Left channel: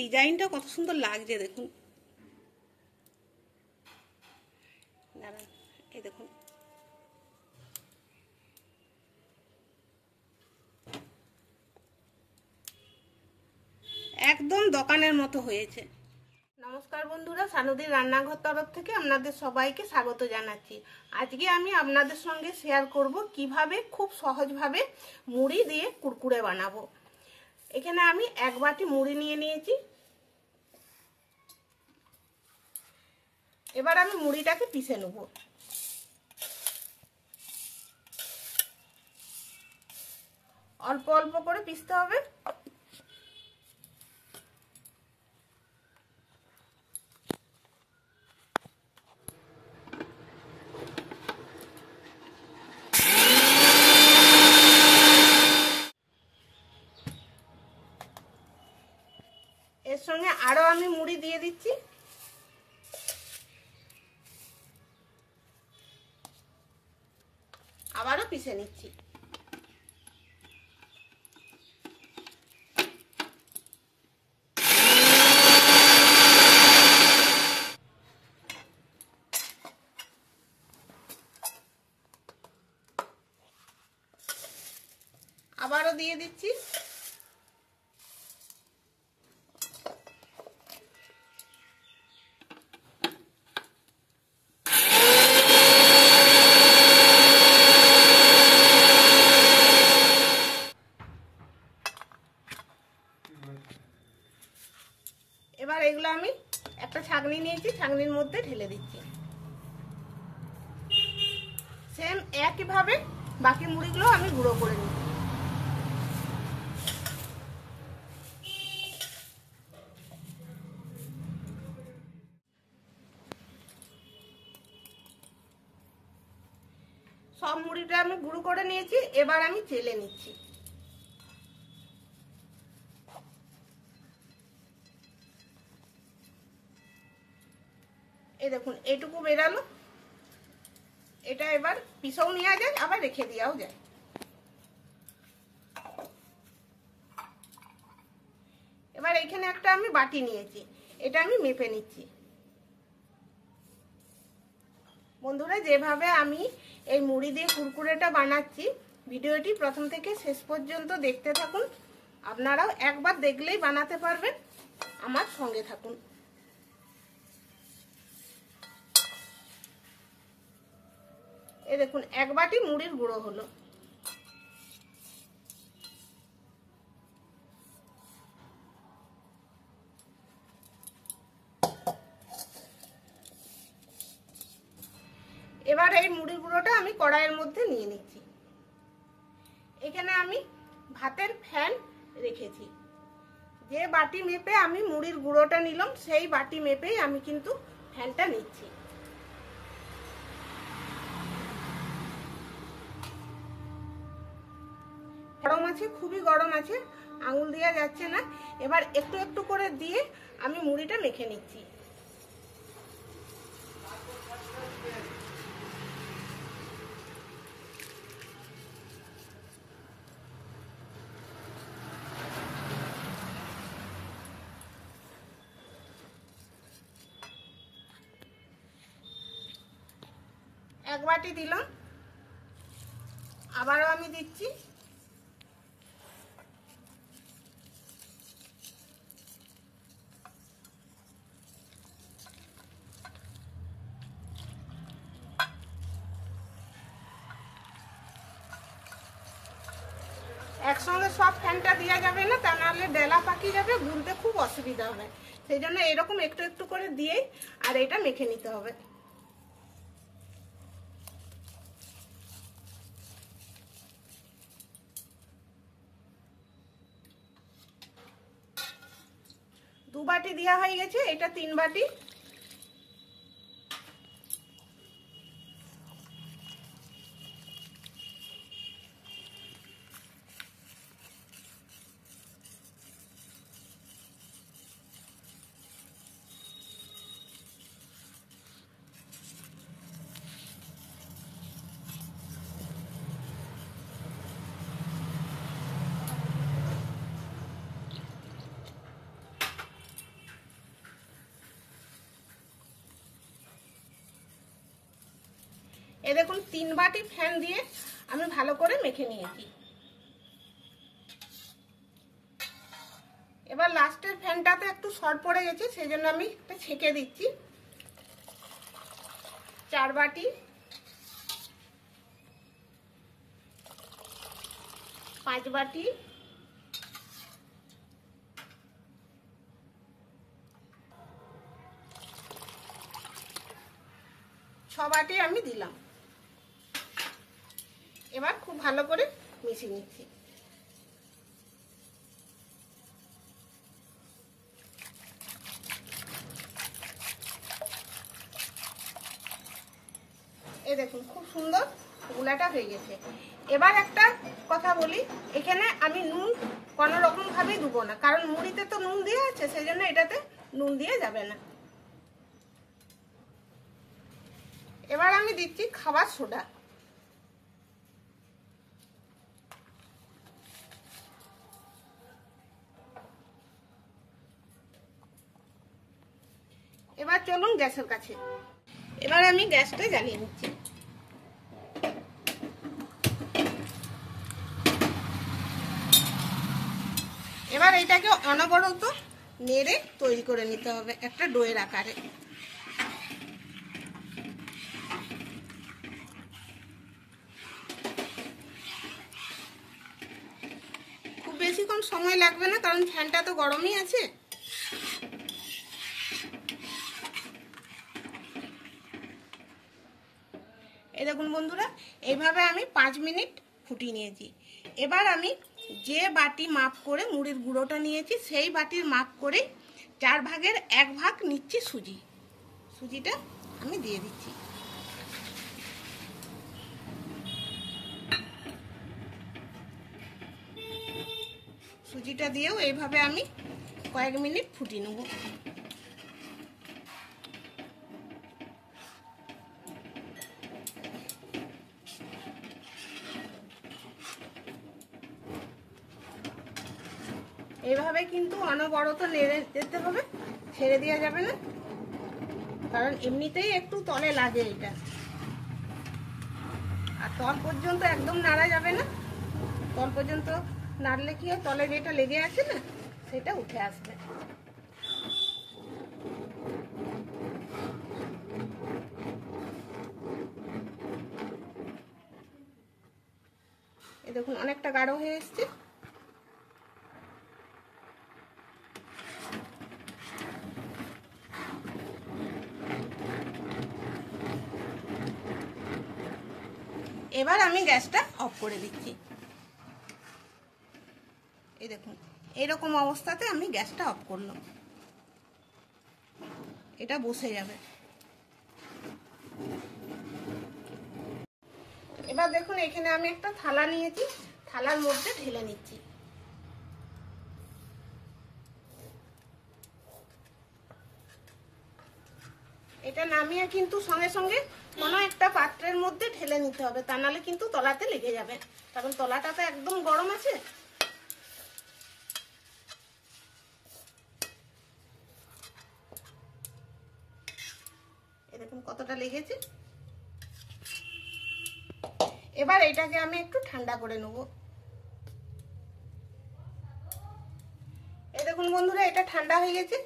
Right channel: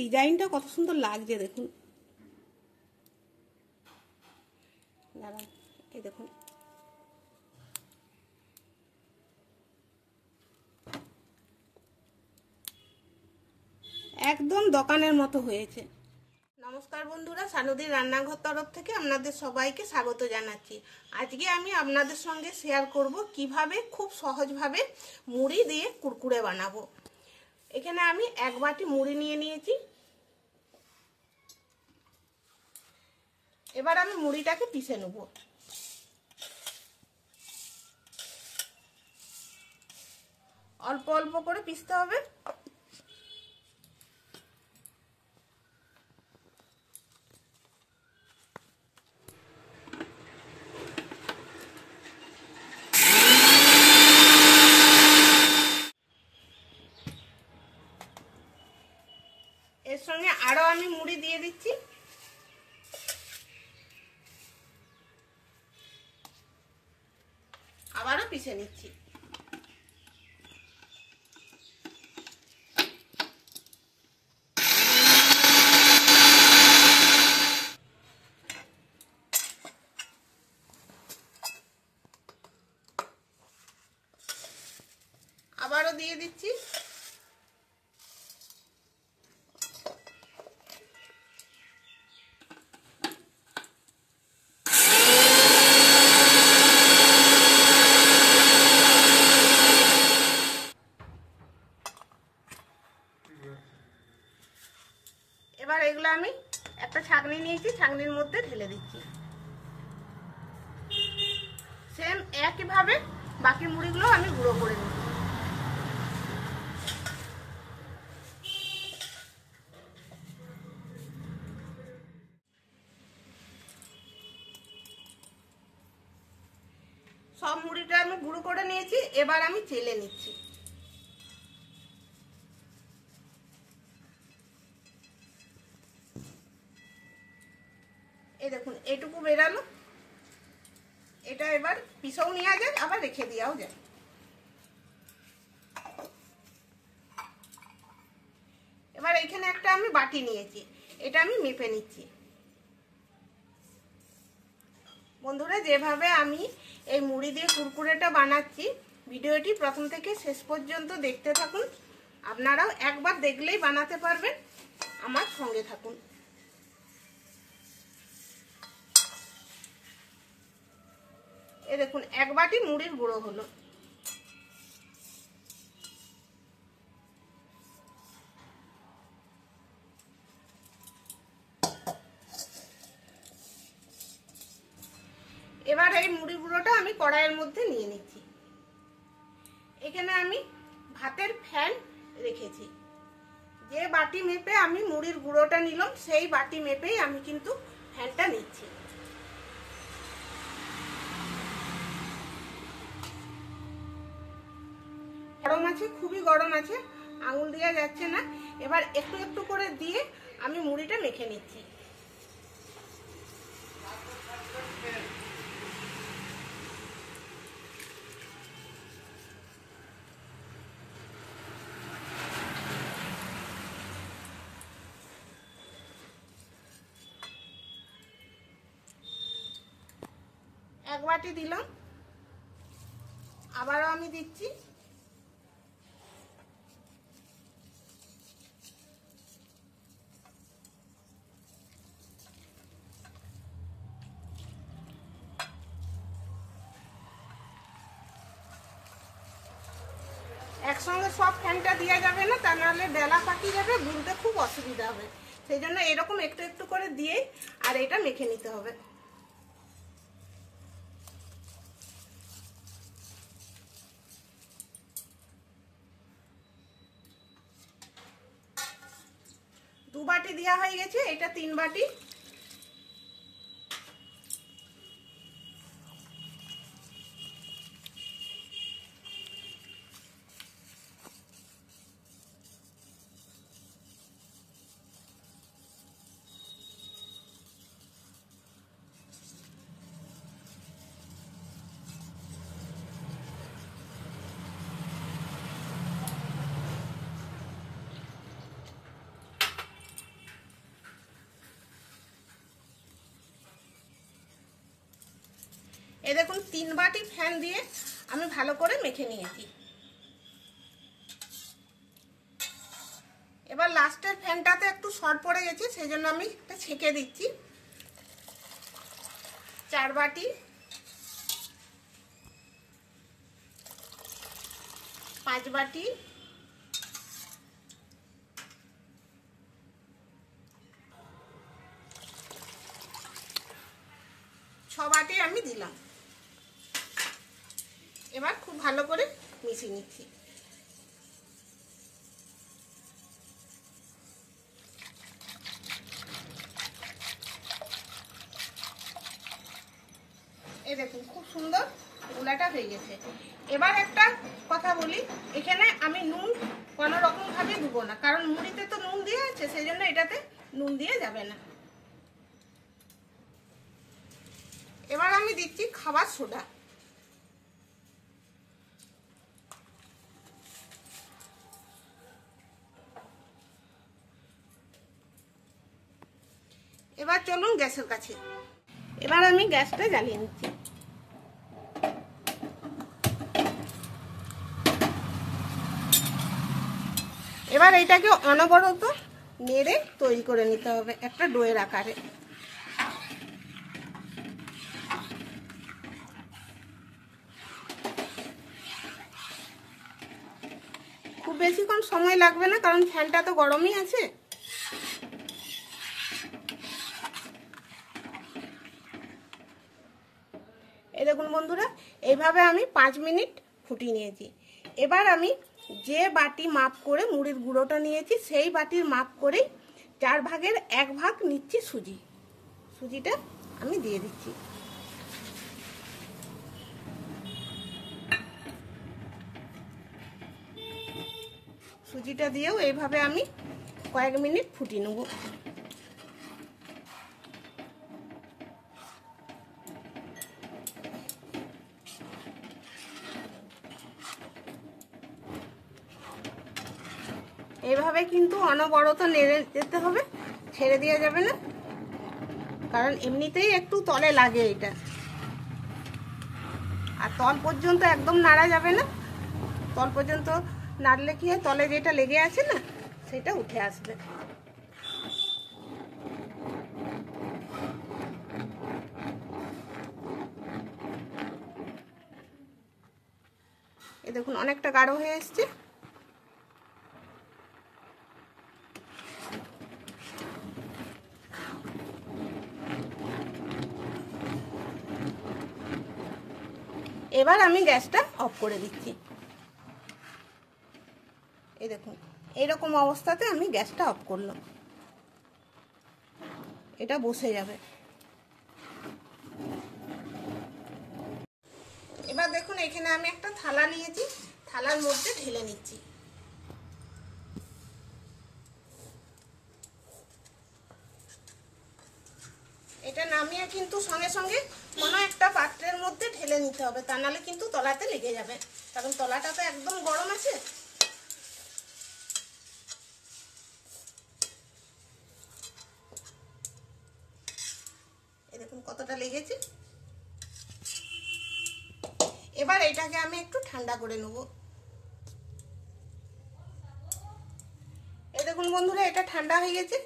ডিজাইনটা কত সুন্দর লাগছে দেখুন। দাঁড়ান, এই দেখুন একদম দোকানের মতো হয়েছে। নমস্কার বন্ধুরা, সানুদির রান্নাঘর তরফ থেকে আপনাদের সবাইকে স্বাগত জানাচ্ছি। আজকে আমি আপনাদের সঙ্গে শেয়ার করব কিভাবে খুব সহজভাবে মুড়ি দিয়ে কুরকুরে বানাবো। এখানে আমি 1 বাটি মুড়ি নিয়ে নিয়েছি। এবার আমি মুড়িটাকে পিষে নেব। অল্প অল্প করে পিষতে হবে। এর সঙ্গে আরো আমি মুড়ি দিয়ে দিচ্ছি। আবারও পিষে নিচ্ছি। আবারও দিয়ে দিচ্ছি। এবার এগুলো আমি একটা ছাঁকনি নিয়েছি, ছাঁকনির মধ্যে ঢেলে দিচ্ছি। সেম একইভাবে বাকি মুড়িগুলো আমি গুঁড়ো করে নিচ্ছি। সব মুড়িটা আমি গুঁড়ো করে নিয়েছি। এবার আমি চেলে নিচ্ছি। এই দেখুন এটুকু বেরালো। এটা এবার পিষেও নেওয়া যায়, আবার রেখে দেওয়াও যায়। এবার এখানে একটা আমি বাটি নিয়েছি, এটা আমি মেপে নিচ্ছি। বন্ধুরা, যেভাবে আমি এই মুড়ি দিয়ে কুরকুরেটা বানাচ্ছি, ভিডিওটি প্রথম থেকে শেষ পর্যন্ত দেখতে থাকুন। আপনারাও একবার দেখলেই বানাতে পারবেন। আমার সঙ্গে থাকুন। এই দেখুন 1 বাটি মুড়ির গুঁড়ো হলো। এবার এই মুড়ি গুঁড়োটা আমি কড়াইয়ের মধ্যে নিয়ে নিচ্ছি। এখানে আমি ভাতের ফ্যান রেখেছি। যে বাটি মেপে আমি মুড়ির গুঁড়োটা নিলাম, সেই বাটি মেপেই আমি কিন্তু ফ্যানটা নিচ্ছি। গরম আছে, খুবই গরম আছে, আঙুল দেওয়া যাচ্ছে না। এবার একটু একটু করে দিয়ে আমি মুড়িটা মেখে নিচ্ছি। এক বাটি দিলাম, আবারও আমি দিচ্ছি। একসঙ্গে সব ফ্যানটা দেওয়া যাবে না, তা নাহলে ডেলা পাকিয়ে যাবে, গুলতে খুব অসুবিধা হবে। সেই জন্য এরকম একটু একটু করে দিয়ে আর এটা মেখে নিতে হবে। দু বাটি দেওয়া হয়ে গেছে, এটা 3 বাটি। এই দেখুন 3 বাটি ফ্যান দিয়ে আমি ভালো করে মেখে নিয়েছি। এবার লাস্টের ফ্যানটাতে একটু শর্ট পড়ে গেছে, সেই জন্য আমি এটা ছেঁকে দিচ্ছি। 4 বাটি, 5 বাটি, 6 বাটি আমি দিলাম। এবার খুব ভালো করে মিশিয়ে নিচ্ছি। এই দেখুন খুব সুন্দর গুলাটা হয়ে গেছে। এবার একটা কথা বলি, এখানে আমি নুন কোনো রকম ভাবে দেবো না, কারণ মুড়িতে তো নুন দেওয়া আছে, সেই জন্য এটাতে নুন দিয়ে যাবে না। এবার আমি দিচ্ছি খাবার সোডা। এবার চলুন গ্যাসের কাছে। এবার আমি গ্যাসটা জ্বালিয়ে নিচ্ছি। এবার এটাকে অনবরত নেড়ে তৈরি করে নিতে হবে একটা ডোয়ের আকারে। খুব বেশিক্ষণ সময় লাগবে না, কারণ ফ্যানটা তো গরমই আছে। এই দেখুন বন্ধুরা, এইভাবে আমি 5 মিনিট ফুটিয়ে নিয়েছি। এবার আমি যে বাটি মাপ করে মুড়ির গুঁড়োটা নিয়েছি, সেই বাটির মাপ করে 4 ভাগের 1 ভাগ নিচ্ছি সুজি। সুজিটা আমি দিয়ে দিচ্ছি। সুজিটা দিয়েও এইভাবে আমি কয়েক মিনিট ফুটিয়ে নেব। এইভাবে কিন্তু অনবরত নেড়ে যেতে হবে, ছেড়ে দেওয়া যাবে না, কারণ এমনিতেই একটু তলে লাগে এটা। আর তল পর্যন্ত একদম নাড়া যাবে না, তল পর্যন্ত নাড়লে কি হয়, তলে যেটা লেগে আছে না সেটা উঠে আসবে। এই দেখুন অনেকটা গাঢ় হয়ে এসছে। এবার আমি গ্যাসটা অফ করে দিচ্ছি। এই দেখুন এইরকম অবস্থাতে আমি গ্যাসটা অফ করলাম, এটা বসে যাবে। এবার দেখুন এখানে আমি একটা থালা নিয়েছি, থালার মধ্যে ঢেলে নিচ্ছি। এটা নামিয়ে কিন্তু সঙ্গে সঙ্গে কোনো একটা পাত্রের মধ্যে ঢেলে নিতে হবে, তা নাহলে কিন্তু তলাতে লেগে যাবে, কারণ তলাটা তো একদম গরম আছে। এই দেখুন কতটা লেগেছে। এবার এটাকে আমি একটু ঠান্ডা করে নেব। এই দেখুন বন্ধুরা, এটা ঠান্ডা হয়ে গেছে।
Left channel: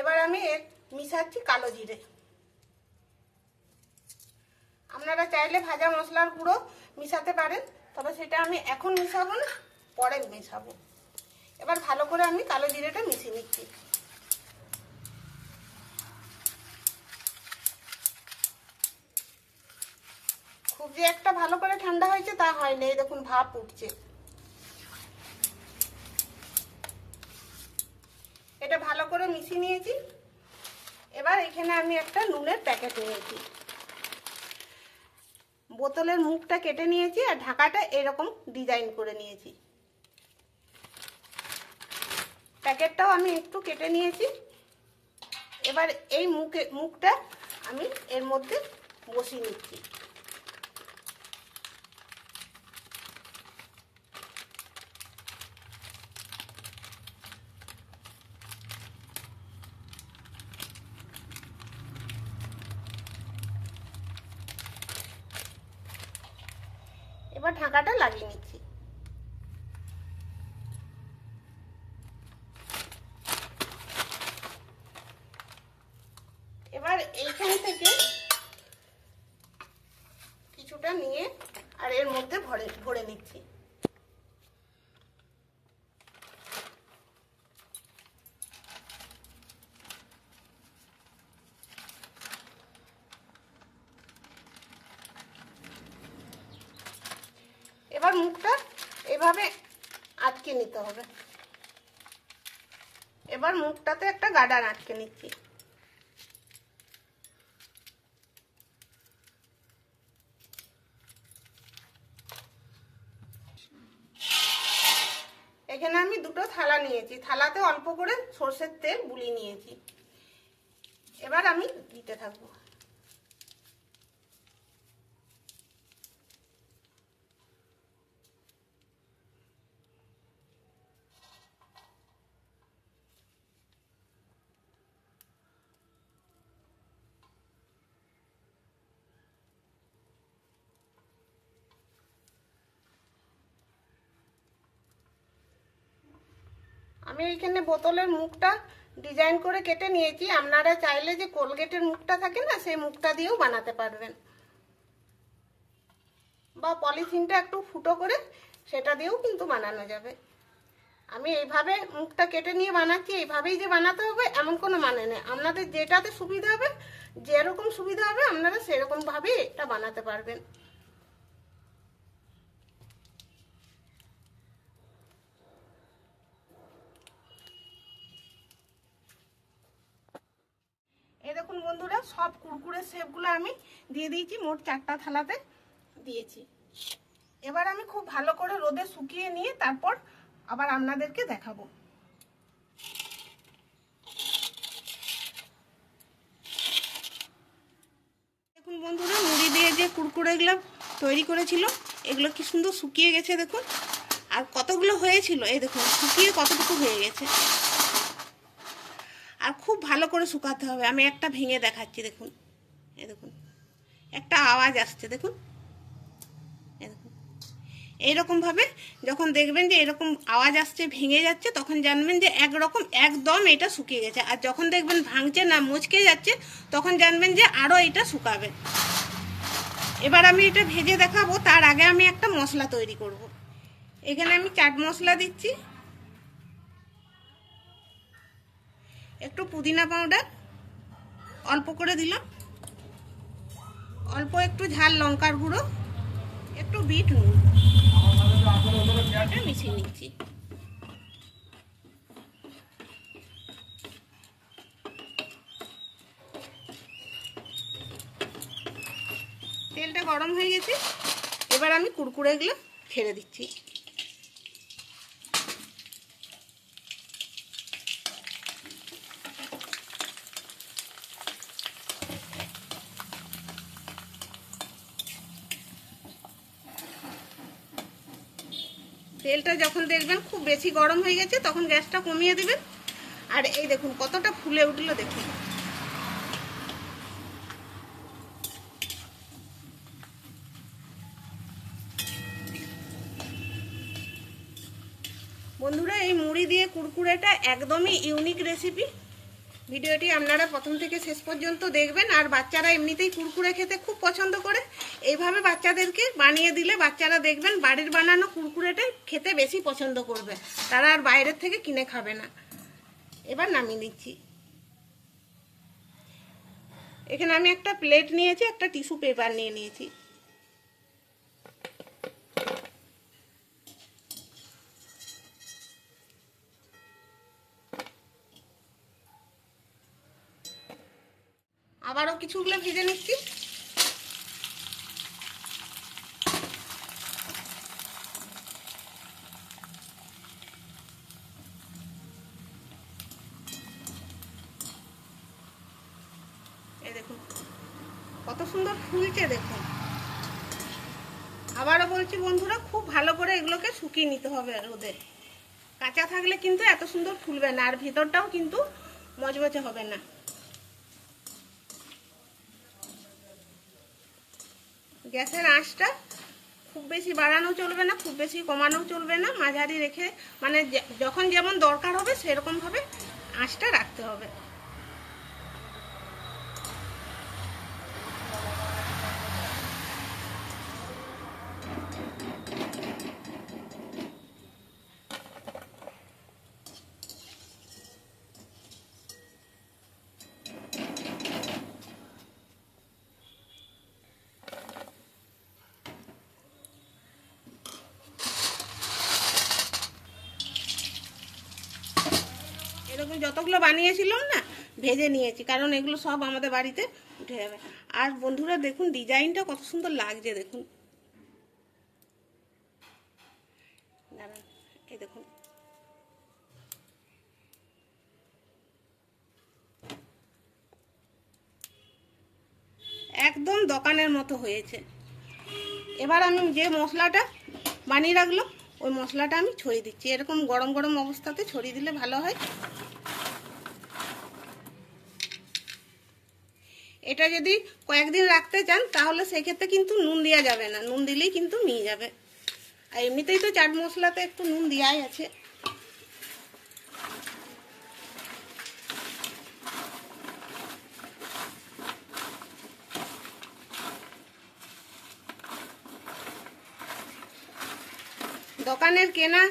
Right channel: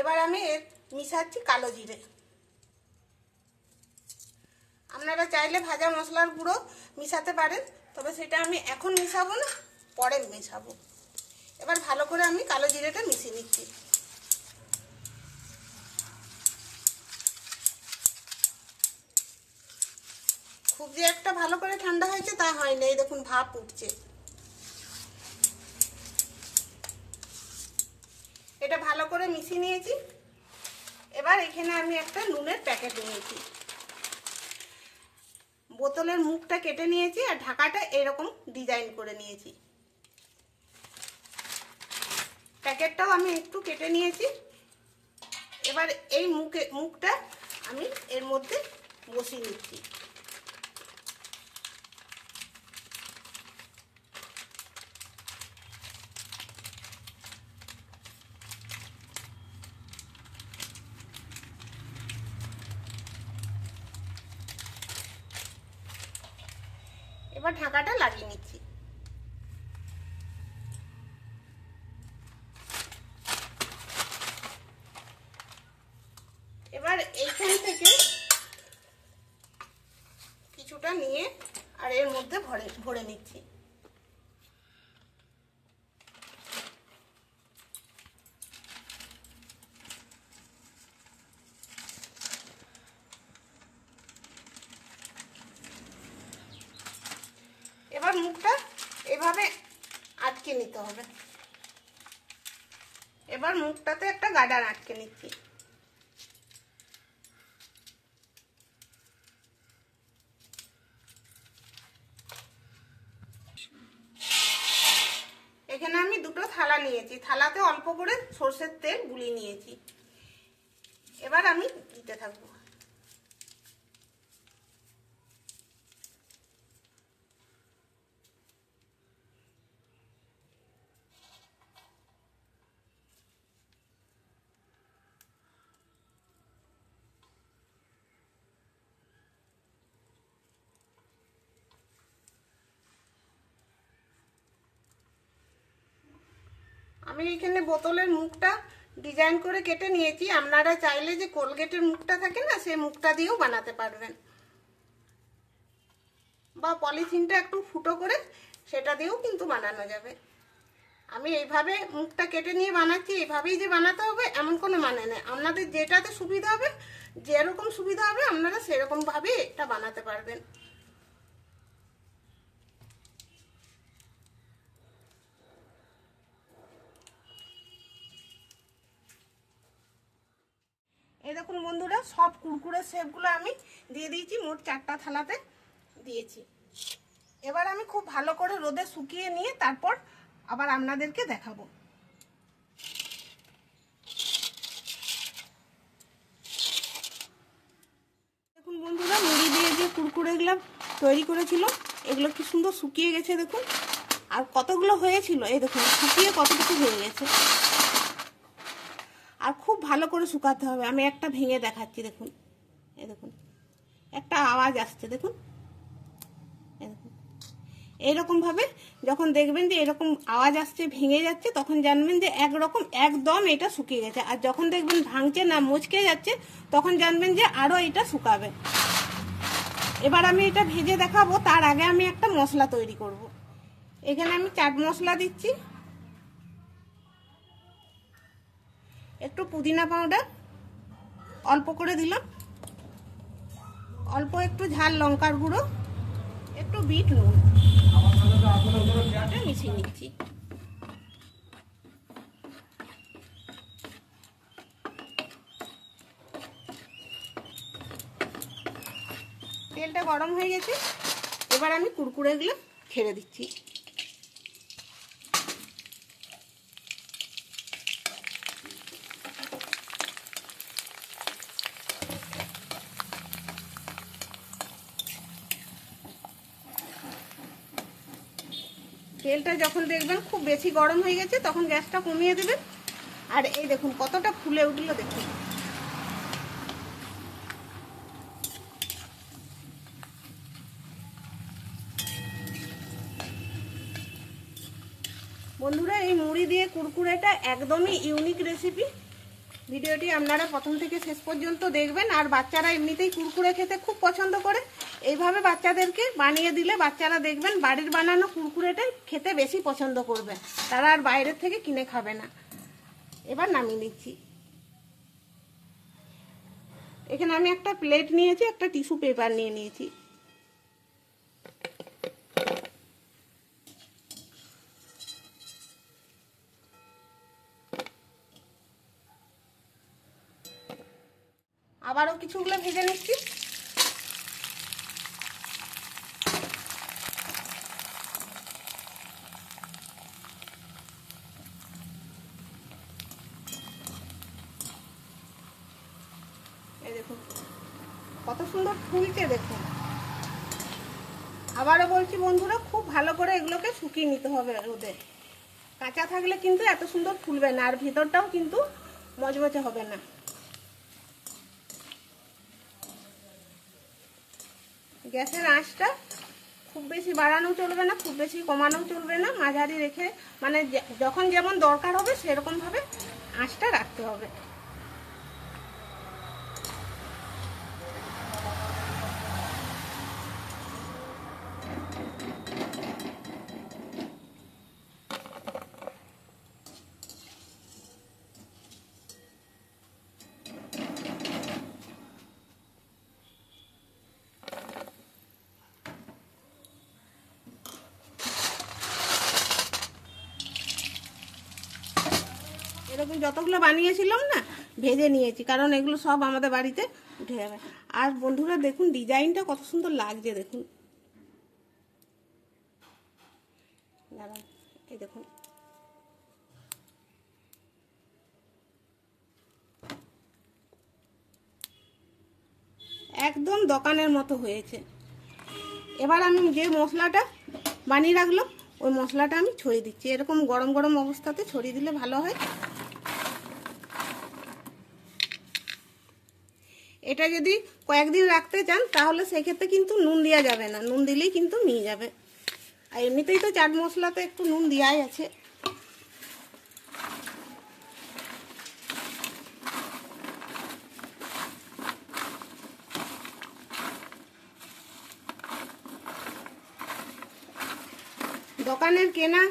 এবার আমি এর মিশাচ্ছি কালো জিরে। আপনারা চাইলে ভাজা মশলার গুঁড়ো মিশাতে পারেন, তবে সেটা আমি এখন মিশাবো না, পরে মেশাবো। এবার ভালো করে আমি কালো জিরেটা মিশিয়ে নিচ্ছি। খুব যে একটা ভালো করে ঠান্ডা হয়েছে তা হয় না, এই দেখুন ভাপ উঠছে। এটা ভালো করে মিশিয়ে নিয়েছি। এবার এখানে আমি একটা নুনের প্যাকেট নিয়েছি, বোতলের মুখটা কেটে নিয়েছি আর ঢাকাটা এরকম ডিজাইন করে নিয়েছি। প্যাকেটটাও আমি একটু কেটে নিয়েছি। এবার এই মুখটা আমি এর মধ্যে বসিয়ে নিচ্ছি। এবার ঢাকাটা লাগিয়ে নিচ্ছি। এবার এইখান থেকে কিছুটা নিয়ে আর এর মধ্যে ভরে নিচ্ছি। এবার মুখটা এভাবে আটকে নিতে হবে। এবার মুখটাতে একটা গার্ডার আটকে নিচ্ছি। এখানে আমি দুটো থালা নিয়েছি, থালাতে অল্প করে সরষের তেল বুলিয়ে নিয়েছি। এবার আমি দিতে থাকবো। আমি এখানে বোতলের মুখটা ডিজাইন করে কেটে নিয়েছি। আপনারা চাইলে যে কোলগেটের মুখটা থাকে না, সেই মুখটা দিয়েও বানাতে পারবেন, বা পলিথিনটা একটু ফুটো করে সেটা দিয়েও কিন্তু বানানো যাবে। আমি এইভাবে মুখটা কেটে নিয়ে বানাচ্ছি। এইভাবেই যে বানাতে হবে এমন কোনো মানে নেই। আপনাদের যেটাতে সুবিধা হবে, যেরকম সুবিধা হবে আপনারা সেরকম ভাবে এটা বানাতে পারবেন। এই দেখুন বন্ধুরা, সব কুরকুরের শেপগুলো আমি দিয়ে দিয়েছি। মোট 4টা থালাতে দিয়েছি। এবার আমি খুব ভালো করে রোদে শুকিয়ে নিয়ে তারপর আবার আপনাদেরকে দেখাবো। দেখুন বন্ধুরা, মুড়ি দিয়ে যে কুরকুরেগুলো তৈরি করেছিল এগুলো কি সুন্দর শুকিয়ে গেছে দেখুন। আর কতগুলো হয়েছিল এই দেখুন, শুকিয়ে কতটুকু হয়ে গেছে। আর খুব ভালো করে শুকাতে হবে। আমি একটা ভেঙে দেখাচ্ছি দেখুন। এই দেখুন একটা আওয়াজ আসছে দেখুন। এই দেখুন এইরকমভাবে যখন দেখবেন যে এরকম আওয়াজ আসছে, ভেঙে যাচ্ছে, তখন জানবেন যে একদম এটা শুকিয়ে গেছে। আর যখন দেখবেন ভাঙছে না, মুচকে যাচ্ছে, তখন জানবেন যে আরও এটা শুকাবে। এবার আমি এটা ভেজে দেখাবো। তার আগে আমি একটা মশলা তৈরি করব। এখানে আমি চাট মশলা দিচ্ছি, একটু পুদিনা পাউডার অল্প করে দিলাম, অল্প একটু ঝাল লঙ্কার গুঁড়ো, একটু বিট নুন, এটা মিশিয়ে নিচ্ছি। তেলটা গরম হয়ে গেছে। এবার আমি কুরকুরেগুলো ছেড়ে দিচ্ছি। তেলটা যখন দেখবেন খুব বেশি গরম হয়ে গেছে, তখন গ্যাসটা কমিয়ে দিবেন। আর এই দেখুন কতটা ফুলে উঠলো দেখুন। বন্ধুরা, এই মুড়ি দিয়ে কুরকুরেটা একদমই ইউনিক রেসিপি। ভিডিওটি আপনারা প্রথম থেকে শেষ পর্যন্ত দেখবেন। আর বাচ্চারা এমনিতেই কুরকুরে খেতে খুব পছন্দ করে। এইভাবে বাচ্চাদেরকে বানিয়ে দিলে বাচ্চারা দেখবেন বাড়ির বানানো কুরকুরেটাই খেতে বেশি পছন্দ করবে। তারা আর বাইরের থেকে কিনে খাবে না। এবার নামিয়ে নিচ্ছি। এখানে আমি একটা প্লেট নিয়েছি, একটা টিস্যু পেপার নিয়ে নিয়েছি। আবারও কিছুগুলো ভেজে নিচ্ছি। এই দেখুন কত সুন্দর ফুলছে দেখুন। আবারও বলছি বন্ধুরা, খুব ভালো করে এগুলোকে শুকিয়ে নিতে হবে রোদে। কাঁচা থাকলে কিন্তু এত সুন্দর ফুলবে না, আর ভিতরটাও কিন্তু মচমচে হবে না। গ্যাসের আঁচটা খুব বেশি বাড়ানো চলবে না, খুব বেশি কমানো চলবে না, মাঝারি রেখে মানে যখন যেমন দরকার হবে সেরকমভাবে আঁচটা রাখতে হবে। এরকম যতগুলো বানিয়েছিলাম না ভেজে নিয়েছি, কারণ এগুলো সব আমাদের বাড়িতে উঠে যাবে। আর বন্ধুরা দেখুন ডিজাইনটা কত সুন্দর লাগছে, দেখুন দাঁড়ান, এই দেখুন একদম দোকানের মতো হয়েছে। এবার আমি যে মশলাটা বানিয়ে রাখলাম ওই মশলাটা আমি ছড়িয়ে দিচ্ছি। এরকম গরম গরম অবস্থাতে ছড়িয়ে দিলে ভালো হয়। এটা যদি কয়েকদিন রাখতে চান তাহলে সেক্ষেত্রে কিন্তু নুন দেওয়া যাবে না, নুন দিলেই কিন্তু নিয়ে যাবে। আর এমনিতেই তো চাট মশলাতে একটু নুন দেওয়াই আছে। দোকানের কেনা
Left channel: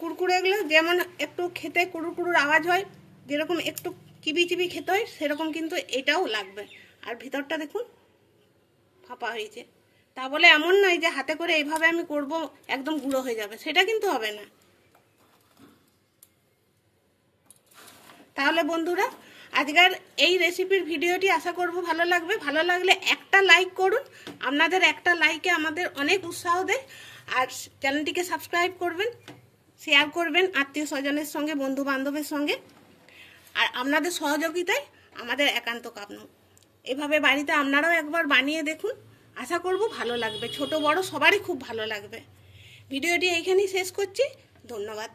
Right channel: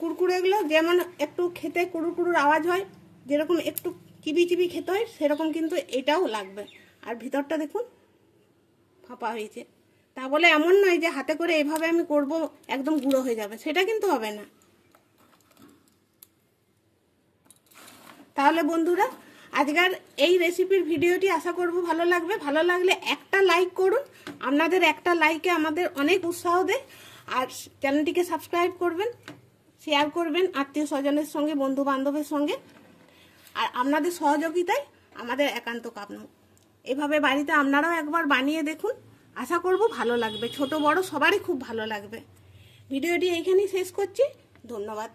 কুরকুরেগুলো যেমন একটু খেতে কুড়ুর কুড়ুর আওয়াজ হয়, যেরকম একটু চিবি চিবি খেতে হয় সেরকম কিন্তু এটাও লাগবে। আর ভিতরটা দেখুন ফাঁপা হয়েছে, তা বলে এমন নয় যে হাতে করে এইভাবে আমি করব একদম গুঁড়ো হয়ে যাবে, সেটা কিন্তু হবে না। তাহলে বন্ধুরা আজকের এই রেসিপির ভিডিওটি আশা করব ভালো লাগবে। ভালো লাগলে একটা লাইক করুন, আপনাদের একটা লাইকে আমাদের অনেক উৎসাহ দেয়। আর চ্যানেলটিকে সাবস্ক্রাইব করবেন, শেয়ার করবেন আত্মীয় স্বজনের সঙ্গে, বন্ধু বান্ধবের সঙ্গে। আর আপনাদের সহযোগিতায় আমাদের একান্ত কাম্য। এভাবে বাড়িতে আপনারাও একবার বানিয়ে দেখুন, আশা করব ভালো লাগবে, ছোট বড় সবারই খুব ভালো লাগবে। ভিডিওটি এইখানেই শেষ করছি, ধন্যবাদ।